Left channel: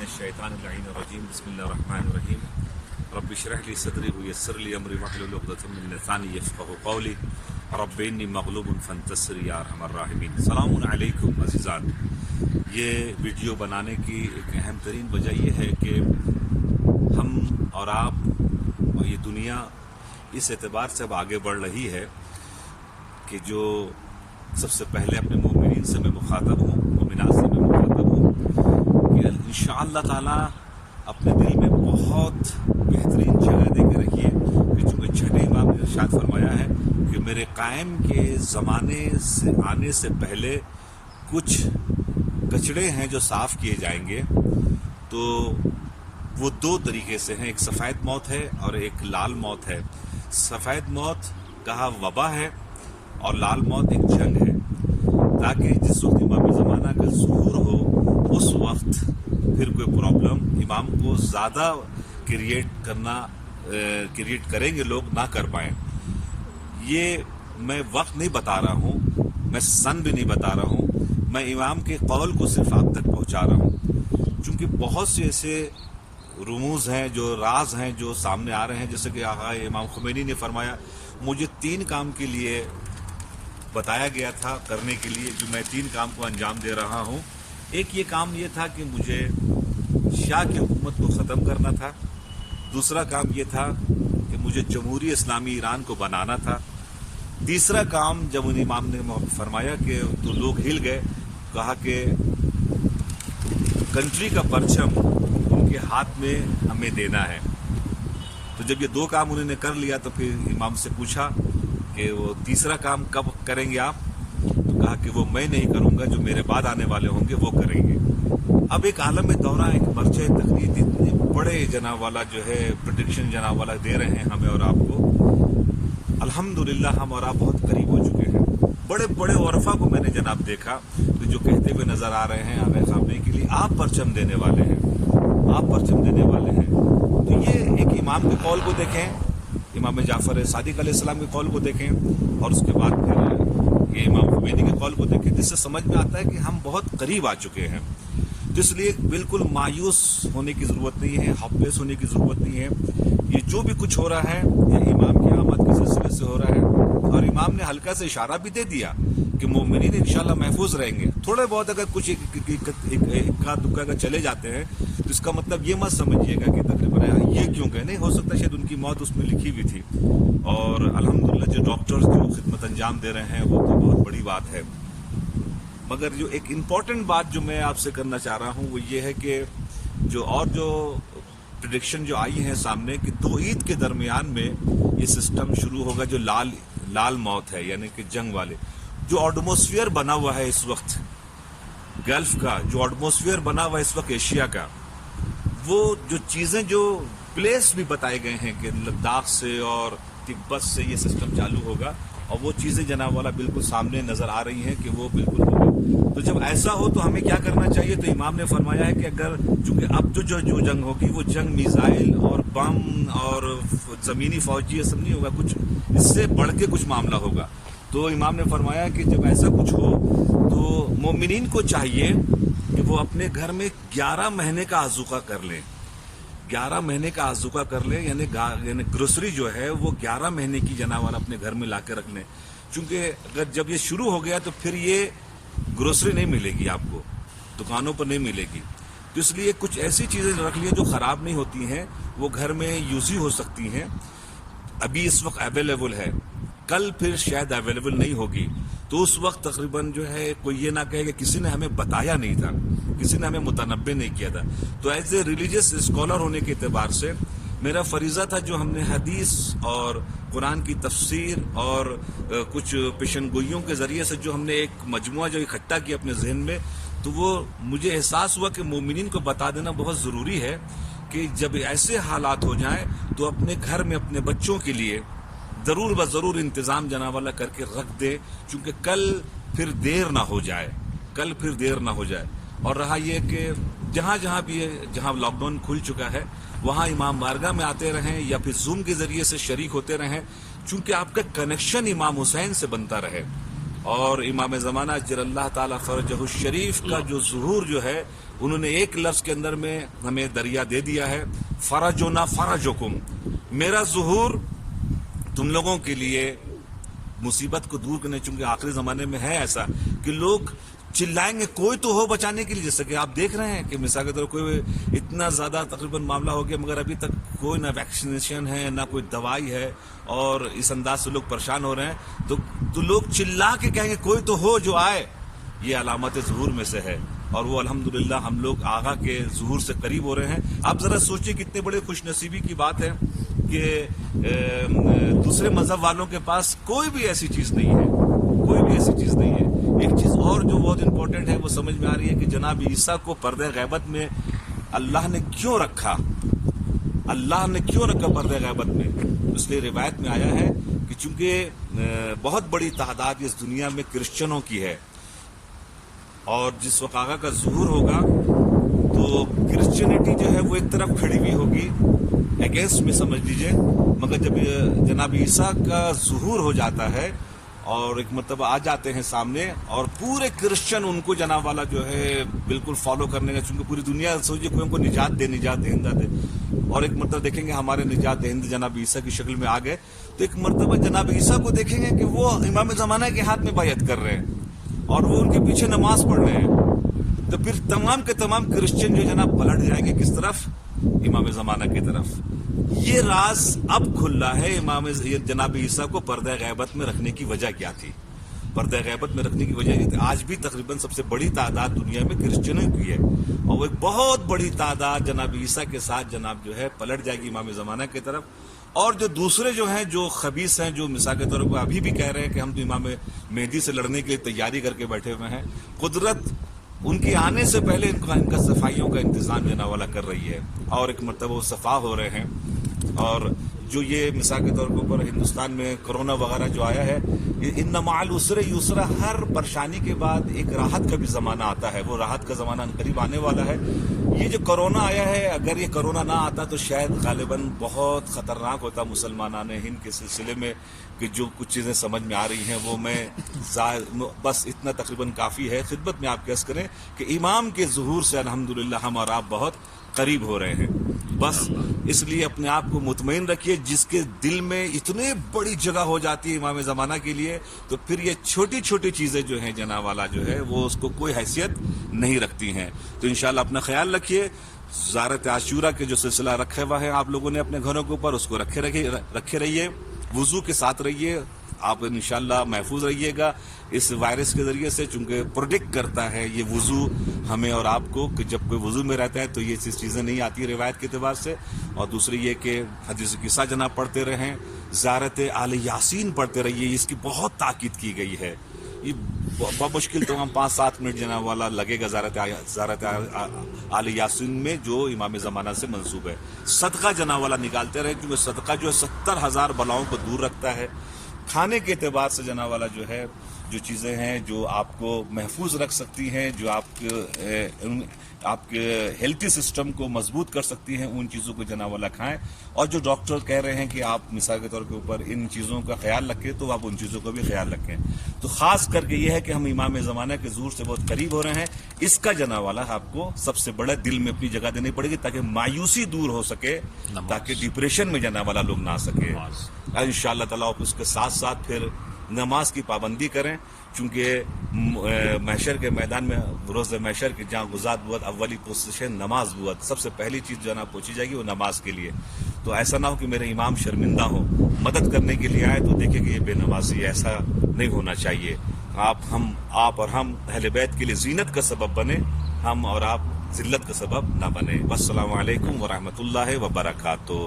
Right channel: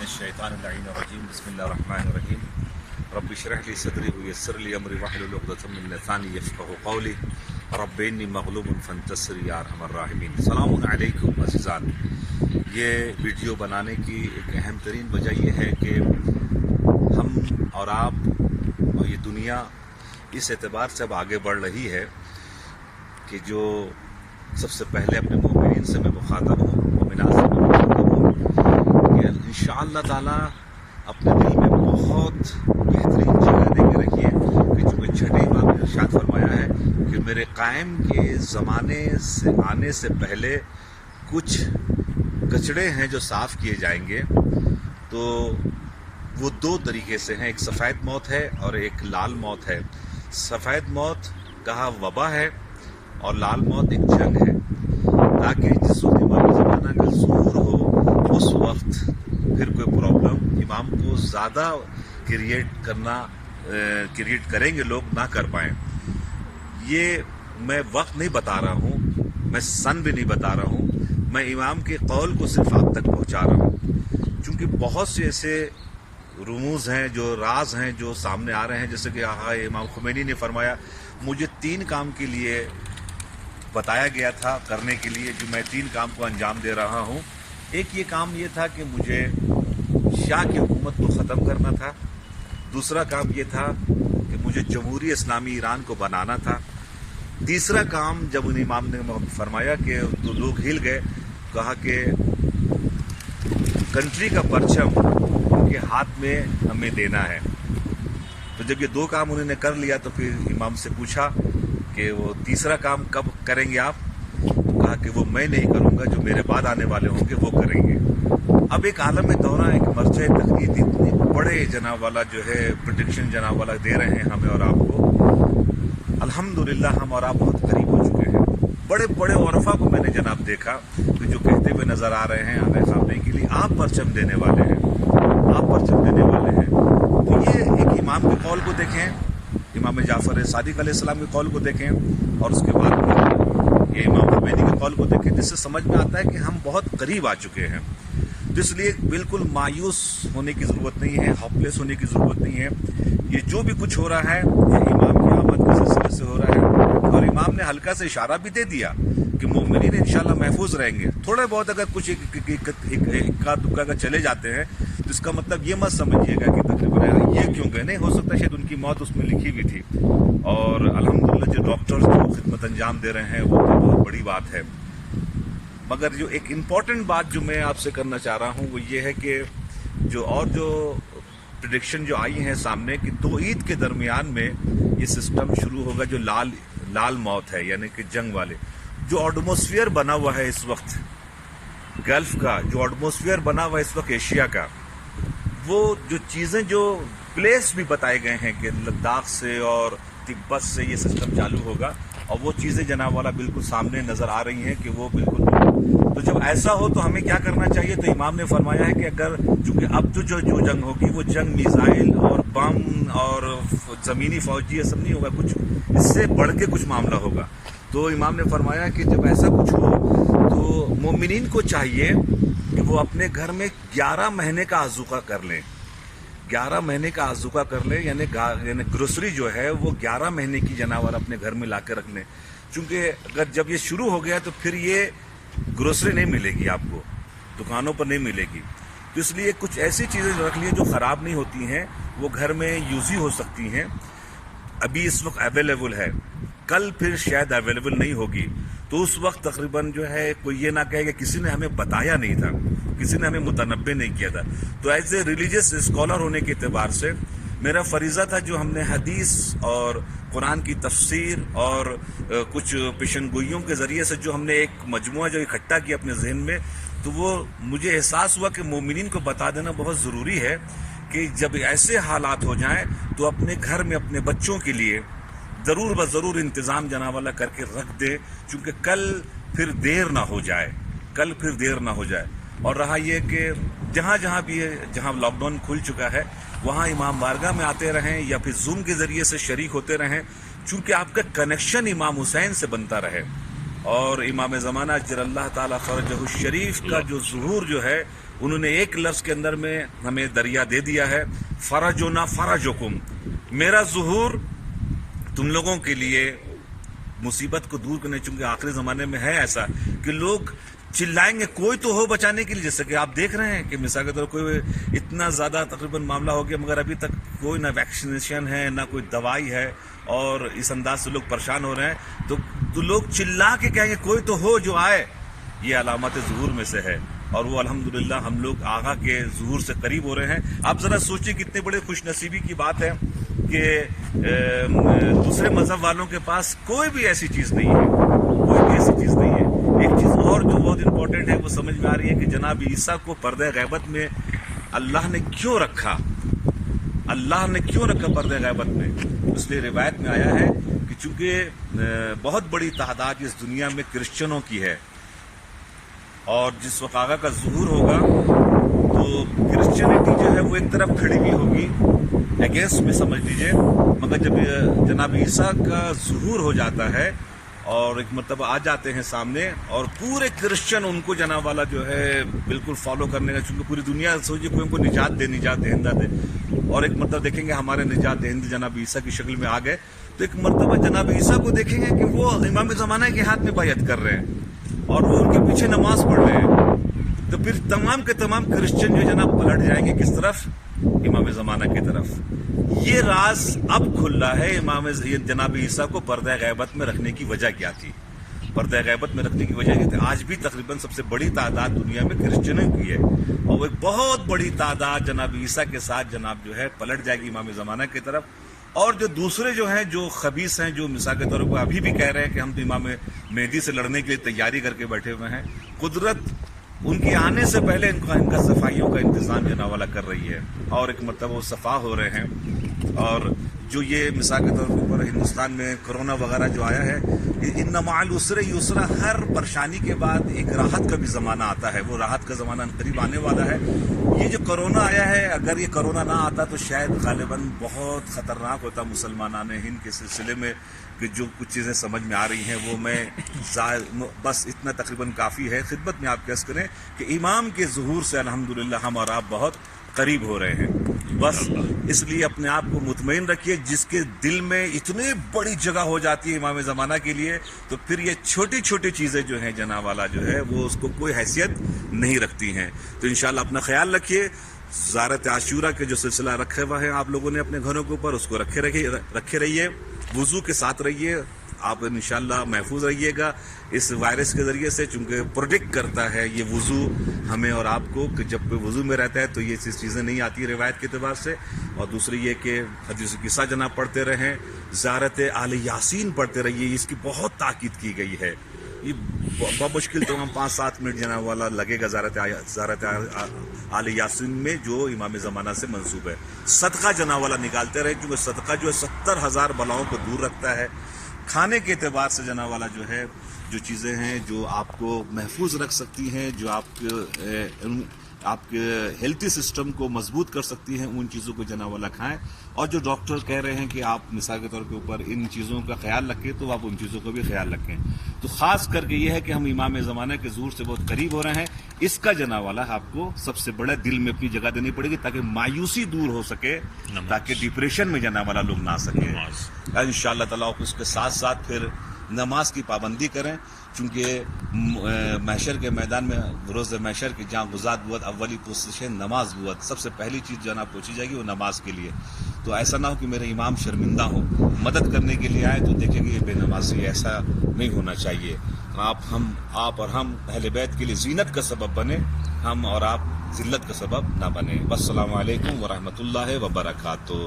मिनश्शैतानिर्रजीम बिस्मिल्लाहिर्रहमानिर्रहीम रब्बि इश्रह ली सदरी वयस्सिर ली अमरी वहलुल उक़दतम मिन लिसानी यफ़क़हू क़ौली रब्बि इन्नी मग़लूबुन फ़ंतसिर या अरहमर राहिमीन। सलामुन अलैकुम अज़ीज़ान। ये वीडियो बनाने की एक अहम तरीन वजह यह है कि हम और आप और ये दुनिया इस एतबार से अब आगे बढ़ रही है कि जो सबसे पहले अपने मोमिनीन से मैं मुखातब हूँ, मोमिनात से मैं मुखातब हूँ कि इंशाअल्लाह ताला अपने दिल में बहुत बेहतरीन जगह दे के रखिए कि चूँकि छठे इमाम ने इरशाद फरमाया है कि मेरे कायम के ज़माने से आने से पहले कुछ कचड़े हैं जो साफ़ किए जाएंगे। तो वो दो तरीके से हैं, एक सफ़ेद मौत है और एक लाल मौत है। सफ़ेद मौत कहा वबा है और लाल मौत एक जंग है, ताकि जिस वक्त इमाम ज़माना का ज़हूर हो उस वक्त फिर कोई प्रॉब्लम इमाम को ज़्यादा क्रिएट करेंगे लोग ना कर पाएँ। ये मैं वक्त नहीं बता रहा हूँ, मैं सन भी नहीं बता रहा हूँ, मैं इमाम के कौल को सिर्फ आप तक पहुँचा रहा हूँ। चूँकि बहुत से ऐसे रुमूज़ हैं, जो राज हैं, जो सामने आ रहे हैं। जैसे कि आका इमाम खुमैनी ने फरमाया, मुझे 3 काम के लिए बताया गया था करने के लिए, जो मैं 3 काम को अंजाम दे रहा हूँ। एक ये काम ये था कि मुझे शाह की हुकूमत को ख़त्म करना था। दूसरा काम ये था कि मुझे जमहूरी इस्लामी ईरान को बनाना था। तीसरा काम जब उन इमाम ने फरमाया कि तो लोग हिल गए, कहा कि कंट्री का परचम उनके हाथ में हमें देना है। तो जब ये 2 काम उन्होंने कर लिया तो फिर इमाम से पूछा कि वो तीसरा काम कब करेंगे आप? तो कहा कि वो मैं नहीं करूंगा, जो मेरे बाद आने वाले होंगे वो करेंगे। अब एक आलम में दौरा एक मर्ज़ तक़लीद इतने बड़े जनाब वाला जो है प्रेडिक्शन जनाब वाला दे रहे हैं हमें और आपको। अल्हम्दुलिल्लाह हम और आप बहुत करीब हो चुके हैं। बड़े बड़े औरफा को मैंने जनाब देखा कि जो कहते हुए नजर आ रहे हैं आने सामने के लिए आप परचम देने वाले हैं, आप परचम देने वाले हैं। तो ये एक इमाम के कौल को देखें, इमाम जाफर सादिक अलैहिस्सलाम के कौल को देखें, और उसके बाद ये इमाम खुमैनी के कौल को देखें, जिससे समझ में आता है कि हम बहुत करीब आ चुके हैं। तो इसलिए बिल्कुल मायूस होने की ज़रूरत नहीं है, होपलेस होने की ज़रूरत नहीं है। ये जो भी कुछ हो रहा है ये इमाम की आमद के सिलसिले से हो रहा है। और इमाम ने हल्का से इशारा भी दे दिया कि मोमिनीन इंशाल्लाह महफूज रहेंगे। थोड़े बहुत अगर कुछ इक्का दुक्का का चले जाते हैं तो इसका मतलब ये मत समझिएगा कि तकरीबन ये क्यों गए, नहीं हो सकता शायद उनकी मौत उसमें लिखी हुई थी। और अल्हम्दुलिल्लाह जो डॉक्टर्स जो खिदमत अंजाम दे रहे हैं वो तो बहुत बड़ी बात है। मगर जो एक इम्पॉर्टेंट बात जो मैं आपसे करना चाह रहा हूँ वो ये है कि जो प्रेडिक्शन जो आई हैं सामने कि 2 ईद के दरमियान में ये सिस्टम शुरू होगा, जो लाल मौत है यानी कि जंग वाले। जो एटमॉस्फेयर बना हुआ है इस वक्त गल्फ का, जो एटमॉस्फेयर बना हुआ है इस वक्त एशिया का, वो जो चीज़ें जो प्लेस भी बताए गए हैं कि लद्दाख से और तिब्बत से ये सिस्टम चालू होगा, और वो चीज़ें जनाब वाला बिल्कुल सामने नज़र आ रही हैं कि वो बिल्कुल होगा। तो जब ऐसा हो तो हमें क्या करना चाहिए? तो इमाम ने फरमाया है कि अगर चूंकि अब तो जो जंग होगी वो जंग मिसाइल और बम और ज़मीनी फौजी ये सब नहीं होगा, कुछ इससे बढ़ के कुछ मामला होगा। तो इमाम ने फरमाया कि जब ऐसा कुछ हो तो मोमिनीन को चाहिए कि वो अपने घर में 11 महीने का आज़ूका कर लें। 11 महीने का आज़ूका कर लें, यानी ग्रोसरी जो है वो 11 महीने की जनाब वाला अपने घर में ला के रख लें। चूँकि अगर जब ये शुरू हो गया तो फिर ये ग्रोसरी नहीं मिलेगी, आपको दुकानों पर नहीं मिलेगी। तो इसलिए कुछ ऐसी चीज़ें रख ली जो ख़राब नहीं होती हैं, वो घर में यूज़ ही हो सकती हैं। अभी इस वक्त अवेलेबल है, कल फिर शायद अवेलेबल नहीं होगी। तो उस वक्त तकरीबन जो है कोई ये ना कहे कि किसी ने हमें बताया नहीं था, किसी ने हमें मुतनब्बे नहीं किया था। तो एज ए रिलीजियस स्कॉलर होने के एतबार से मेरा फरीज़ा था, जो हमने हदीस और कुरान की तफसीर और कुछ पेशनगोइयों के ज़रिए से जो हमने एक मजमुआ जो इकट्ठा किया अपने जहन में, तो वो मुझे एहसास हुआ कि मोमिनीन को बता देना बहुत ज़रूरी है कि जब ऐसे हालात हो जाएं तो अपने घर में अपने बच्चों के लिए ज़रूर ब ज़रूर इंतज़ाम जनाब वाला करके रख दे, क्योंकि कल फिर देर ना हो जाए, कल फिर देर ना हो जाए। और रहा ये कि जहाँ भी जहाँ लॉकडाउन खुल चुका है वहाँ इमाम बारगाह में आते रहें या फिर जूम के ज़रिए से शरीक होते रहें, चूँकि आपका कनेक्शन इमाम हुसैन से बनता रहे। और इमाम ज़माना अज्जलल्लाहु ताला फ़रजहु शरीफ का जो ज़ुहूर जो है انہوں نے ایک لفظ کے اندر میں ہمیں دریا دے دیا ہے، فرجنا فرجکم، میرا ظہور تم لوگوں کے لیے مصیبت کو دور کرنے، چونکہ آخری زمانے میں ہے ایسا کہ لوگ چلائیں گے کوئی تو ہو بچانے کے لیے، جیسے کہ آپ دیکھ رہے ہیں کہ مثال کے طور پر کوئی اتنا زیادہ تقریباً معاملہ ہو گیا مگر ابھی تک کوئی نہ ویکسینیشن ہے نہ کوئی دوائی ہے، اور اس انداز سے لوگ پریشان ہو رہے ہیں، تو لوگ چلا کے کہیں گے کوئی تو ہو جو آئے. یہ علامات ظہور میں سے ہے، اور وہ الحمدللہ ہم لوگ آغا کے ظہور سے قریب ہو رہے ہیں. آپ ذرا سوچیں کتنے بڑے خوش نصیبی کی بات ہے کہ دوسرے مذہب والوں کے پاس کوئی بھی ایسی چیز نہیں ہے، کوئی بھی ایسی چیز نہیں ہے. ایک چیز اور جو بہت امپورٹنٹ ہے وہ سمجھ میں آ رہی ہے کہ جناب عیسیٰ کو پردہ غیبت میں اللہ نے کیوں رکھا، اللہ نے کیوں رکھا پردہ غیبت میں. اس لیے روایت میں آیا ہے کہ چونکہ بہت بڑی تعداد اس دنیا میں کرسچنوں کی ہے، اور جس وقت آقا کا ظہور ہوگا تو کرسچینٹی جو ہے وہ ایک طرف کھڑی ہوئی ہوگی اگینسٹ میں سمجھ لیجئے، مگر جب جناب عیسیٰ کا ظہور ہو جاتا ہے اور ایک مرتبہ آ جاتے ہیں سامنے، اور پورے کرسچن ان کو جناب والا جو ہے بالکل فالو کرنے کا، چونکہ پوری دنیا سوچیے کوئی ان کو نجات دہندہ دے، اور ایک مرتبہ دیکھیں گے ہمارے نجات دہندے جناب عیسیٰ کی شکل میں آ گئے، تو ایک مرتبہ جناب عیسیٰ کو دیکھیں گے کہ وہ امام زمانہ کے ہاتھ میں بیعت کر رہے ہیں اور وہ ان کے پیچھے نماز پڑھ رہے ہیں، تو پھر تمام کے تمام کرسچن جو جناب پلٹ جائیں گے کس طرف؟ امام زمانہ کی طرف. یہ راز اب کھل رہا ہے جناب عیسیٰ کو پردہ غیبت میں رکھنے کی وجہ کیا تھی. پردہ غیبت میں رکھنے کی وجہ یہ تھی آج بھی تقریباً سب سے بڑی تعداد دنیا میں کرسچنوں کی ہے، اور وہ ایک بہت بڑی تعداد جناب عیسیٰ کے ساتھ جناب جو ہے پلٹ جائے گی امام زمانہ کی طرف. اور جو دوسرے جو ہیں جو خبیث ہیں، جو مثال کے طور پر ابھی بھی کہہ رہے ہیں کہ ہم تو امام مہدی سے لڑنے کے لیے تیاری کر کے بیٹھے ہوئے ہیں، قدرت ان کے آنے سے پہلے ان کا صفائیوں کا انتظام جناب والا کر رہی ہے، اور ایک مرتبہ وہ صفا ہو رہے ہیں. اور جو یہ مثال کے طور پر ہندوستان میں کرونا وغیرہ جو آیا ہے، ان مع العسر یسرا، ہر پریشانی کے بعد ایک راحت کا بھی زمانہ آتا ہے، وہ راحت کا زمانہ قریب آنے والا ہے. یہ جو کرونا آیا ہے، اگر یہ کرونا نہ آتا تو شاید غالباً بہت خطرناک ہوتا مسلمانان ہند کے سلسلے میں، کہ جو کچھ چیزیں سمجھ میں آ رہی ہیں وہ میں بس اتنا تقریباً کافی ہے. خدمت میں آپ کیس کریں کہ امام کے ظہور سے الحمدللہ ہم اور آپ بہت قریب ہو رہے ہیں. بس اس لیے اپنے آپ کو مطمئن رکھیے، جس کے دل میں اتنی بڑی جگہ ہو جاتی ہے امام زمانہ کے لیے، تو پھر یہ چھوٹی چھوٹی چیزیں جو ہیں جناب والا جو ہے وہ اس کو کوئی حیثیت نہیں رکھتی ہیں. تو انشاءاللہ اپنا خیال رکھیے. زیارت عاشورہ کے جو سلسلہ رکھے ہوا ہے آپ لوگوں نے اپنے گھروں کے اوپر، اس کو رکھے رہیے، وضو کے ساتھ رہیے، آپ انشاءاللہ محفوظ رہیے گا اس وائرس کے ذریعے سے، چونکہ پروڈکٹ کرتا ہے یہ وضو ہمیں اور آپ کو کہ جب کوئی وضو میں رہتا ہے تو یہ چیزیں نہیں آتی روایت کے اعتبار سے. اور دوسری یہ کہ حدیث قصہ جناب پڑھتے رہیں، زیارت آل یاسین پڑھتے رہیے، اس کی بہت تاکید کی گئی ہے. یہ بمشکل تو ہم 5-7 منٹ جناب والا لگے گا زیارت آل یاسین میں جو امام زمانہ سے منسوب ہے. صدقہ جناب والا نکالتے رہے، کیونکہ صدقہ جو ہے 70,000 بلاؤں کو دور رکھتا ہے. کھانے کے اعتبار سے جناب والا جو ہے جو چیزیں ہیں جو آپ کو محفوظ رکھ سکتی ہیں، جو آپ کے ہیلتھی سسٹم کو مضبوط کر سکتی ہیں، ان چیزوں کو جناب والا کھائیں. اور جو ڈاکٹر کہہ رہے ہیں کہ آپ مثال کے طور کے اوپر ان چیزوں کا خیال رکھیں، تو آپ ان چیزوں کا بھی خیال رکھیں. تو خاص کر کے یہ ہے کہ ہم امام زمانہ کے ظہور سے بہت قریب ہو رہے ہیں، اس کا جناب والا آپ کو سب سے بڑا دل میں اپنی جگہ دینی پڑے گی تاکہ مایوسی دور ہو سکے، تاکہ ڈپریشن میں جناب والا لوگ نہ آ سکے. انشاءاللہ تعالیٰ اس کے ساتھ ساتھ پھر نماز کی پابندی کریں، چونکہ محشر کے میدان میں روز محشر کے جہاں غزات بوت اولی پوزیشن نماز بوت، سب سے پہلی چیز جو ہے نا پہنچی جائے گی وہ نماز کے لیے. تو ایسا نہ ہو کہ میرے امام شرمندہ ہو، مدد کرنے کے لیے آئے تو دیکھیں گے یہ بے نمازی، ایسا نہیں ہونا چاہیے. آپ اور ہم اہل بیت کے لیے زینت کا سبب بنے، ہم اور آپ ذلت کا سبب نہ بنے. السلام علیکم ورحمۃ اللہ وبرکاتہ.